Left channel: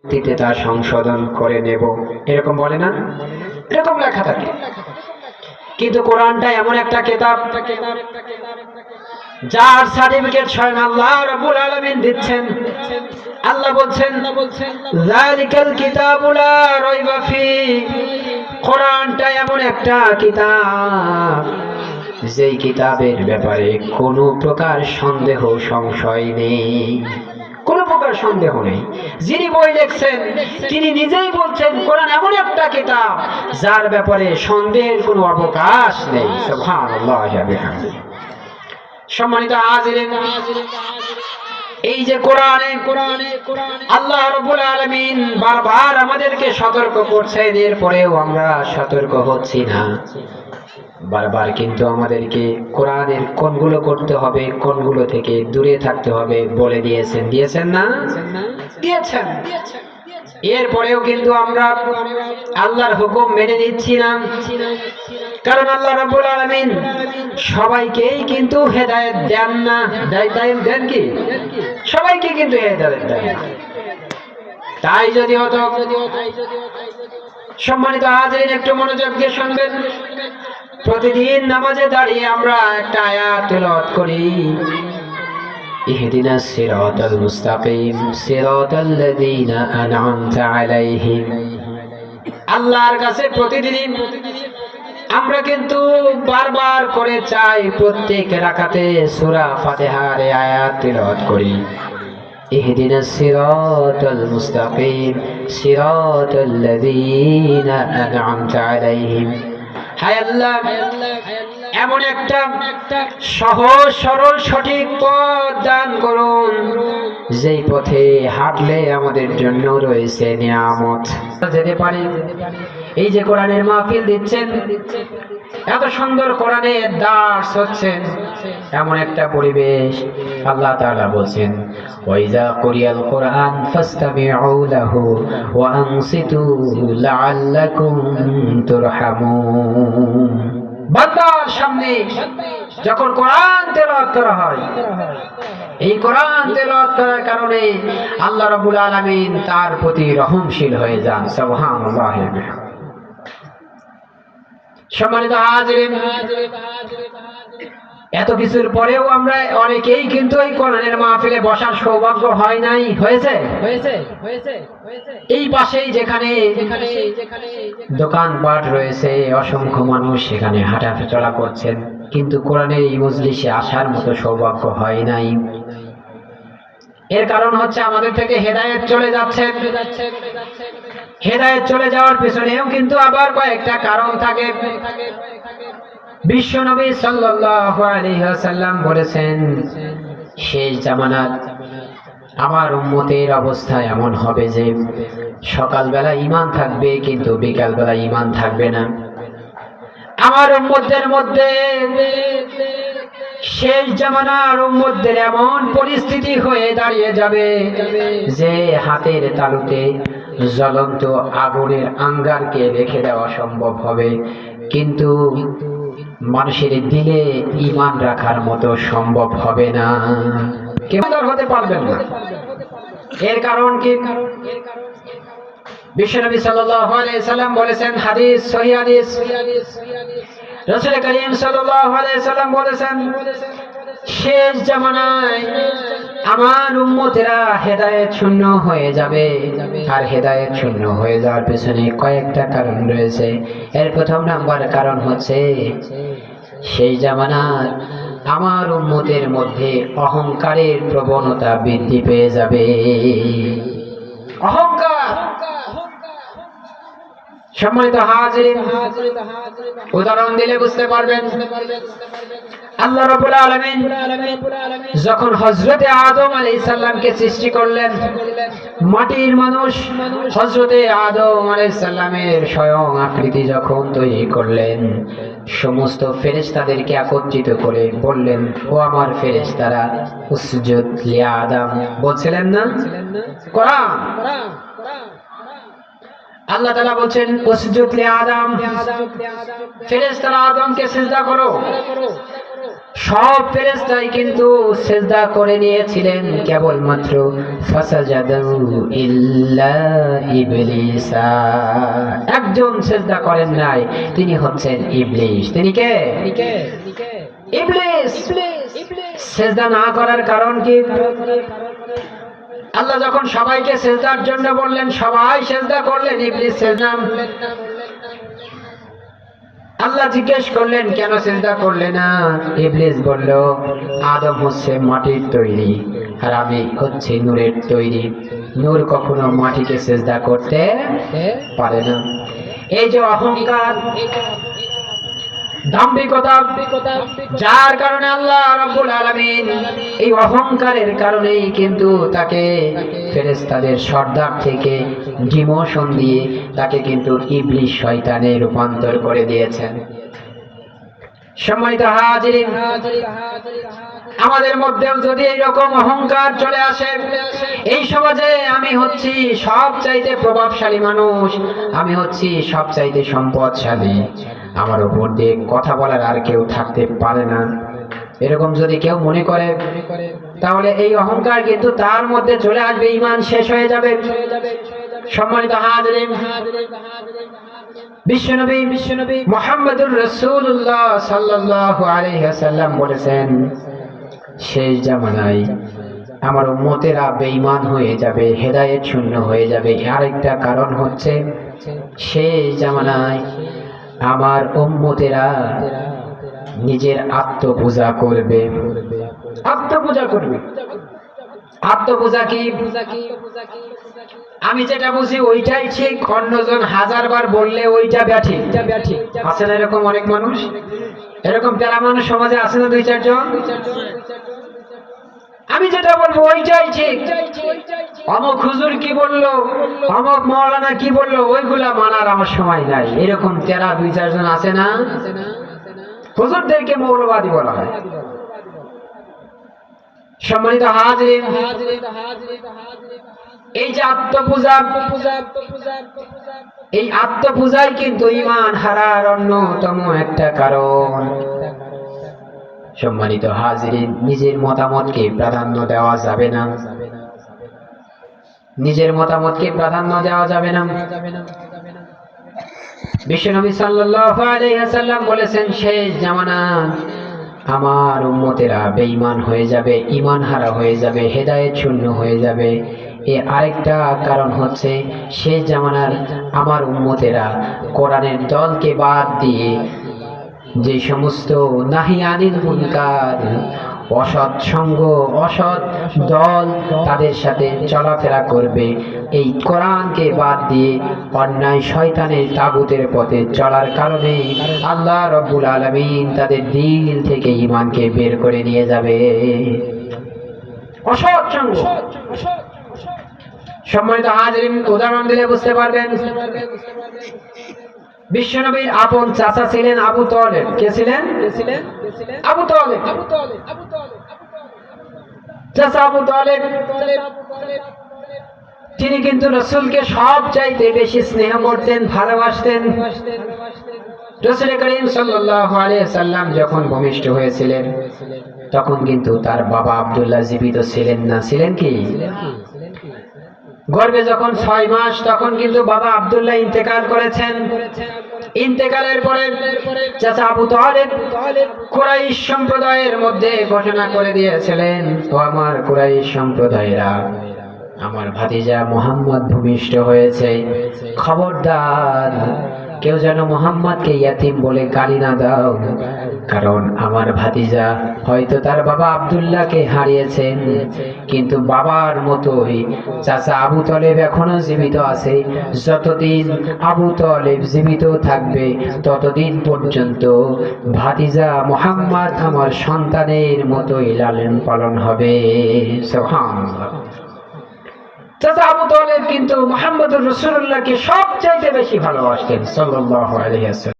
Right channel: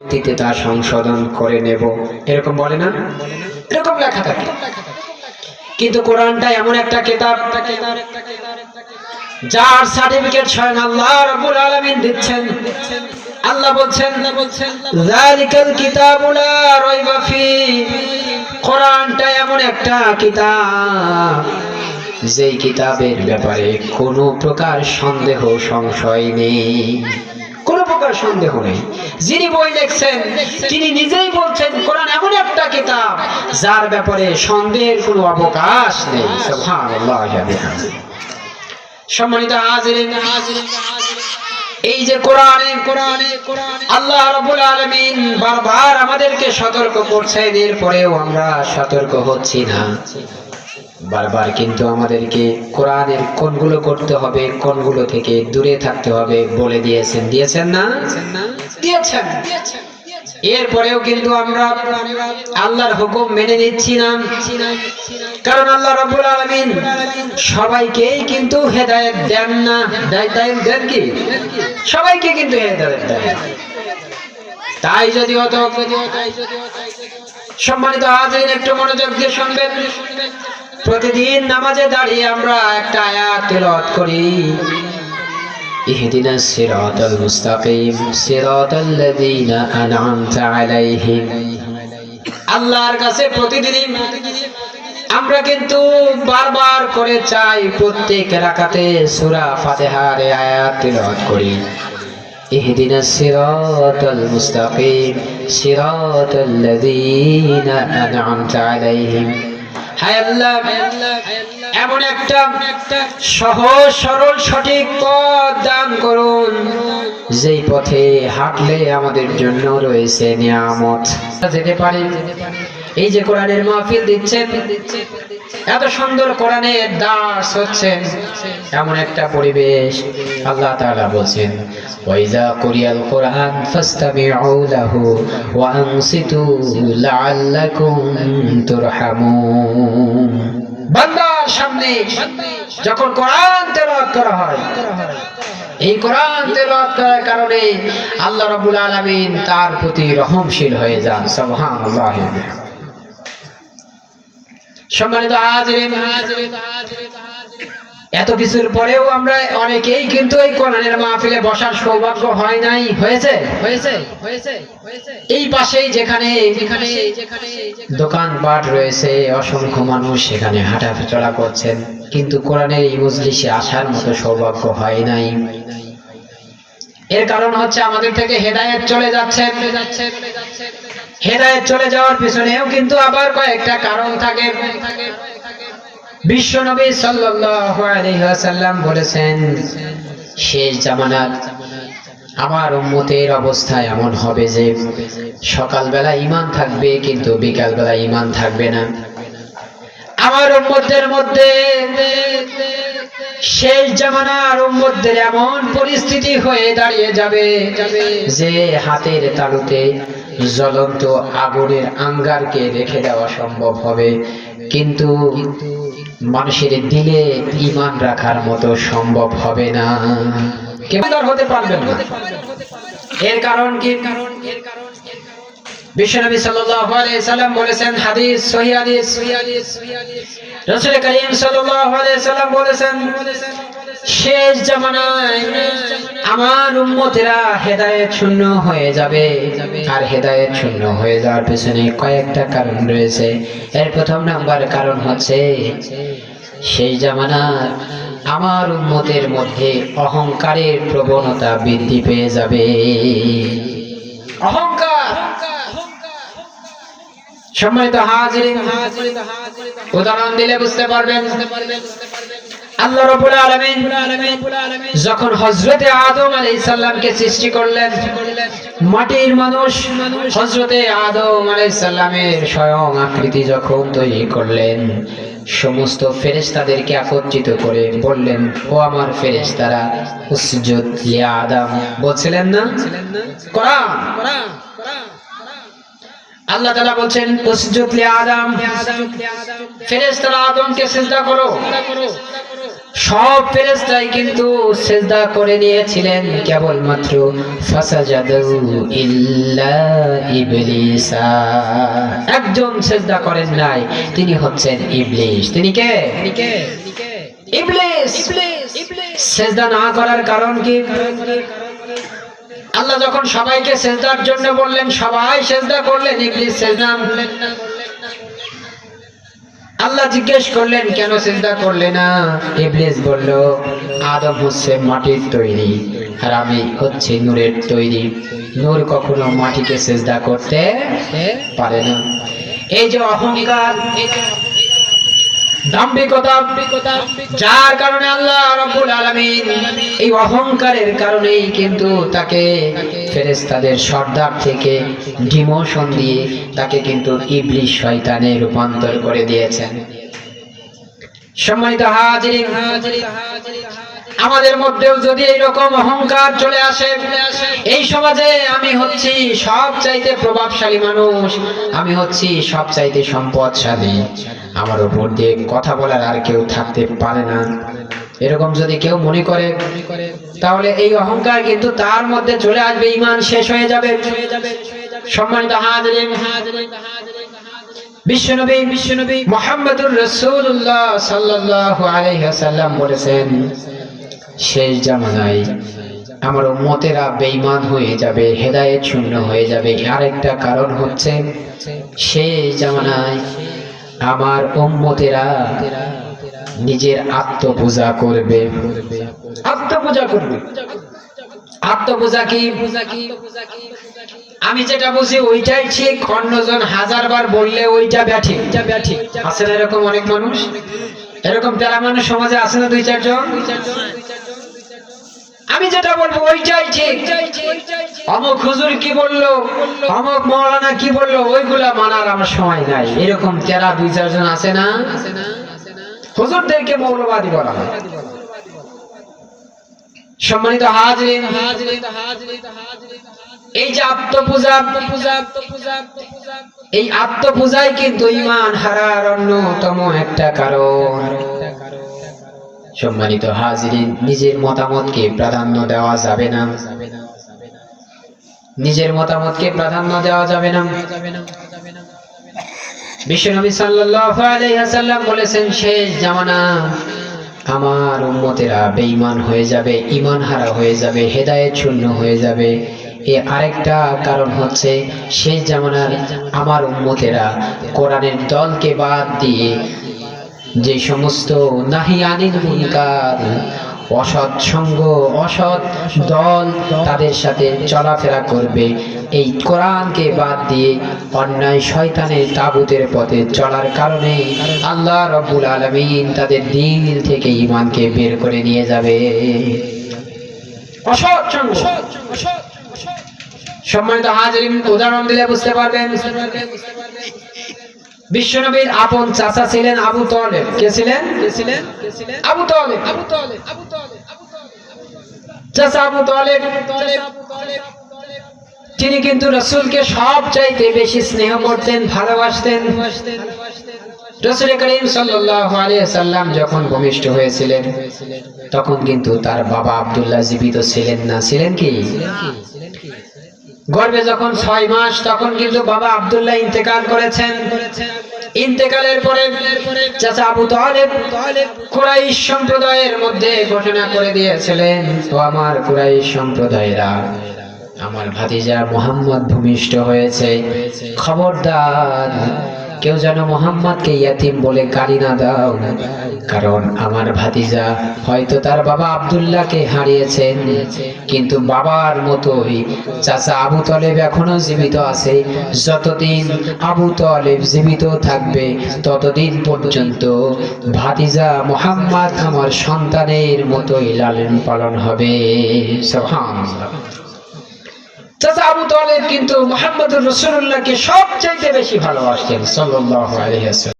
পরবর্তীতে তা সংশোধন করে নেব। এরকম বলে না? এরকম লেখা থাকে। কিন্তু কোরআনটা এমন একটা কেতাব, যার সার্টিফিকেট স্বয়ং আল্লাহ রাব্বুল আলামিন দিচ্ছেন। আল্লাহ বলছেন, যালিকাল কিতাবু লা রাইবা ফি। কোরআনটা এমন একটা কিতাব, যেই কিতাবের ব্যাপারে কোনো প্রকার সন্দেহ, সংশয় নেই। সন্দেহ নেই যিনি বই লিখছেন, তিনি নিজেই বলছেন, কোরআন এমন একটা কিতাব, যার ব্যাপারে সন্দেহের কোনো অবকাশ নেই। সম্মানিত হাজিরিন, এই যে কোরআনে কোরআনে, আল্লাহ রাব্বুল আলামিন বারবার আমাদেরকে সতর্ক করছেন, এরপরেও আমরা সতর্ক হচ্ছি না। বারবার কিন্তু আমাদেরকে কোরআনের কোনগুলো করতে হবে, কোনগুলো থেকে দূরে থাকতে হবে বলে দিয়েছেন। দিয়েছেন না? দিয়েছেন। এরপরেও কিন্তু আমরা আল্লাহর হুকুম মেনে নিচ্ছি না। কারণ আল্লাহ রাব্বুল আলামিন সবাইকেই কিন্তু হেদায়েত দেন না। দেয় দেন কি? সবাইকে কিন্তু হেদায়েত দেন। তাই যদি হতো সম্মানিত হাজিরিন, একটু মনোযোগ দিয়ে শুনবেন। প্রতিদিন নামাজে দাঁড়িয়ে আমরা একটা আয়াত তেলাওয়াত করি اهدنا الصراط المستقيم صراط الذين أنعمت عليهم আল্লাহর কাছে প্রতিদিনই আমরা কিন্তু বারবার করে চাই প্রত্যেক রাকাতে সূরা ফাতিহার এই আয়াত তেলাওয়াত করি اهدنا الصراط المستقيم صراط الذين أنعمت عليهم হায় আল্লাহ এমন একটা সহজ, সরল, সঠিক পথ দান করুন। যেই পথে হাঁটলে আমাদের জন্য রয়েছে নিয়ামত। যেতে পারেন এই যে কোরআনের মাহফিল দিচ্ছেন এত সুন্দর কোরআনের দাস হচ্ছেন। এমন একটা পরিবেশ আল্লাহ তাআলা বলছেন ওয়াইজা কুরিয়াল কোরআন ফাসতামিউ লাহু ওয়া আনসিতু লাআল্লাকুম তুরহামুন। বান্দার সামনে যখন কোরআন তেলাওয়াত করা হয়, এই কোরআন তেলাওয়াত করার কারণে আল্লাহ রাব্বুল আলামিন তার প্রতি রহমশীল হয়ে যান, সুবহানাল্লাহ। সম্মানিত হাজিরিন এত কিছুর পরেও আমরা অনেকেই কিন্তু এই কোরআনের মাহফিলে বসার সৌভাগ্য হয় নাই হয়েছে? হয়েছে হয়েছে এই পাশেই যেখানে দোকানপাট রয়েছে অসংখ্য মানুষ সেখানে হাঁটাচলা করছেন কিন্তু কোরআনের এই মজলিসে আসার মতো সৌভাগ্য হয় নাই। এর কারণ হচ্ছে আমাদের থেকে হেদায়েত চলে যাচ্ছে। হেদায়েত চলে যাওয়ার পিছনেও কিন্তু আবার কয়েকটা কারণ থাকে। সাল্লাল্লাহু আলাইহি ওয়াসাল্লাম বলেছেন, শেষ জামানাত আমার উম্মতের অবস্থা এমন হবে যে সকালবেলা ঈমান থাকবে কিন্তু বিকালবেলা ইমান থাকবে না। আমার উম্মতের মধ্যে শেষ জামানার উম্মতদের এমন পরিস্থিতি হয়ে দাঁড়িয়ে যাবে যে হাতের তালুতে জ্বলন্ত আগুনের আঙ্গারকে রেখে দেওয়া সম্ভব হবে। কিন্তু মানুষের দিলে ইমান রাখার মতো সম্ভব হবে না। হতে পারবেন না। এর কারণ কি? বিশ্বনবী সাল্লাম বলেছেন হাদিস করিম সাল্লাম বলেছেন, শেষ জামানায় আমার উম্মতেরা হেদায়েত শূন্য হয়ে যাবে। আর হেদায়েত শূন্য হয়ে যাওয়ার পেছনে কয়েকটা কারণ রয়েছে। এর প্রথম নাম্বার কারণ হচ্ছে, সেই জামানার আমার উম্মতের মধ্যে অহংকারের প্রবণতা বৃদ্ধি পেয়ে যাবে। অহংকার! সম্মানিত হাজির উদাহরণ দিলে বুঝতে পারবেন। আল্লাহ রাব্বুল আলামিন যখন হযরতে আদম আলাইহিস সালামকে সৃষ্টি করলেন, মাটির মানুষ হযরতে আদম আলাইহিস সালামের স্বয়ং আকৃতি যখন তৈরি করলেন, সমস্ত ফেরেশতাদেরকে একত্রিত করে বললেন, ও আমার ফেরেশতারা, উসজুদ লি আদম। বলছিলেন না? কোরআন। আল্লাহ তাআলা বলছেন, উসজুদ লি আদম, ফেরেশতারা আদমকে সিজদা করো। সব ফেরেশতাই কিন্তু সেজদা করে নিয়েছিলেন কেবলমাত্র একজন সেজদা করেন নাই তিনি হচ্ছেন ইবলিস। তিনি কে? সেজদা না করার কারণ কি? আল্লাহ যখন সবাইকে সেজদার জন্য বললেন সবাই সেজদা করলেন ইবলিস সেজদা আল্লাহ জিজ্ঞেস করলেন, কেন চিন্তা করলে না? ইবলিস বলল, আদম হচ্ছে মাটির তৈরি আর আমি হচ্ছে নূরের তৈরি। নূর কখনো মাটিকে চেষ্টা করতে পারে না। এই যে অহংকার যার কারণে আল্লাহ রাব্বুল আলামিন এই অহংকারের কারণেই কিন্তু তাকে ফেরেশতাদের সর্দার থেকে ডিমোশন দিয়ে তাকে কিন্তু ইবলিশ শয়তানে রূপান্তর করে দিয়েছেন। সম্মানিত হাজিরিন, আমাদের মধ্যেও যদি এইরকম অহংকার চলে আসে, এই সমাজে আমি হচ্ছি সব চাইতে প্রভাবশালী মানুষ, আমি হচ্ছি সব চাইতে সম্পদশালী। আমার উপর দিয়ে কথা বলার আর কেউ থাকতে পারে না। এরকম যদি কেউ মনে করে, তাহলে এই অহংকার কিন্তু তার মধ্যে চলে আসবে ইমান শেষ হয়ে যাবে। সম্মানিত হাজরিন, বিশ্বনবী বিশ্বনবী মোহাম্মদুর ওয়াসাল্লাম বলেছেন, শেষ জামানায় আমার বেঈমান হয়ে যাবে, হেদায়েত শূন্য হয়ে যাবে। আরেকটা কারণ হচ্ছে, শেষ জামানায় আমার উম্মতেরা নিজের আত্মপূজা করবে। আত্মপূজা করবে। আত্মপূজা কি? আমি যেটা বুঝি ওইটাই ঠিক, অন্যজন হাজার বার বললে ওইটা ব্যাঠি। আছে না এরকম অনেক মানুষ? এরকম তেরা মানুষ সমাজে আছে না দুই চারজন? আমি যেটা বলব, ওইটাই ঠিক। অমক হুজুর কি বলল, অমক মৌলানা কি বলল, ওইগুলা মানার আমার সময় নাই। এরকম তেরা দুই, চারজন আছে না? হুজুরদেরকে মৌলবাদী বলা হয়। সম্মানিত হাজরিন, এই যে আত্মপূজা, এই আত্মপূজাই কিন্তু ইমান হারার অন্যতম একটা কারণ। সম্মানিত হাজিরিন, নিজের মতামতকে প্রাধান্য দেওয়া যাবে না। নিজের মতামতকে প্রাধান্য দেওয়া যাবে না। বিশ্বনবী সাল্লাল্লাহু আলাইহি ওয়াসাল্লাম বলেছেন, শেষ জামানা আমার উম্মতেরা বেঈমান হয়ে যাবে ঈমান হারা হয়ে যাবে, হেদায়েত শূন্য হয়ে যাবে। এ আরেকটা কারণ হচ্ছে, শেষ জামানার আমার উম্মতেরা কোরআনের দলকে বাদ দিয়ে যে সমস্ত নাহি আনিল মুনকার অসৎ সঙ্গ, অসৎ দল তাদের সাথে চলাফেরা করবে। এই কোরআনকে বাদ দিয়ে অন্যায় শয়তানের তাগুতের পথে চলার কারণে আল্লাহ রব্বুল আলমিন তাদের দিল থেকে ইমানকে বের করে নিয়ে যাবে। অসৎ সঙ্গ। সম্মানিত হাজরিন, উদাহরণ দিলে বুঝতে পারবেন। বিশ্বনবীর আপন চাচা ছিলেন আবু তলেব। কে ছিলেন? আবু তলেব। চাচা আবু তলেব। তিনি কিন্তু রসুলকে সব চাইতে বেশি স্নেহ করতেন ভালোবাসতেন। রসুল করিম সাল্লাম যখন ভূমিষ্ঠ হয়েছিলেন তখন কিন্তু তার বাবা আব্দুল্লাহ জীবিত ছিলেন না। ছিলেন কি? গর্ভে যখন ছয় মাস, তখন কিন্তু বাবা আব্দুল্লাহ ইন্তেকাল করেছেন। ইন্তেকালের পরে চাচা আবু তালেব কুরাইশ সম্প্রদায়ের মধ্যে ঘোষণা করে দিয়েছিলেন, ও আমার কুরাইশ সম্প্রদায়রা, আমার ভাতিজা মোহাম্মদ ভূমিষ্ঠ হয়েছে। খবরদার, কেউ যেন মোহাম্মদকে ইয়াতিম বলে গালি না দাও। কারণ আমার ভাতিজা হয়তো তার বাবা আব্দুল্লাহকে হারিয়েছেন। কিন্তু বাবার মতোই চাচা আবু তলেব এখনও জীবিত আছে। যতদিন আবু তলেব জীবিত থাকবে, ততদিন পর্যন্ত ভাতিজা মোহাম্মদ আমার সন্তানের মতোই লালন পালন হবে। চাচা আবু তালেব কিন্তু মোহাম্মদ রসুল্লাহকে সবচাইতে বেশি ভালোবাসতেন, সাল্লাল্লাহু আলাইহি ওয়াসাল্লাম।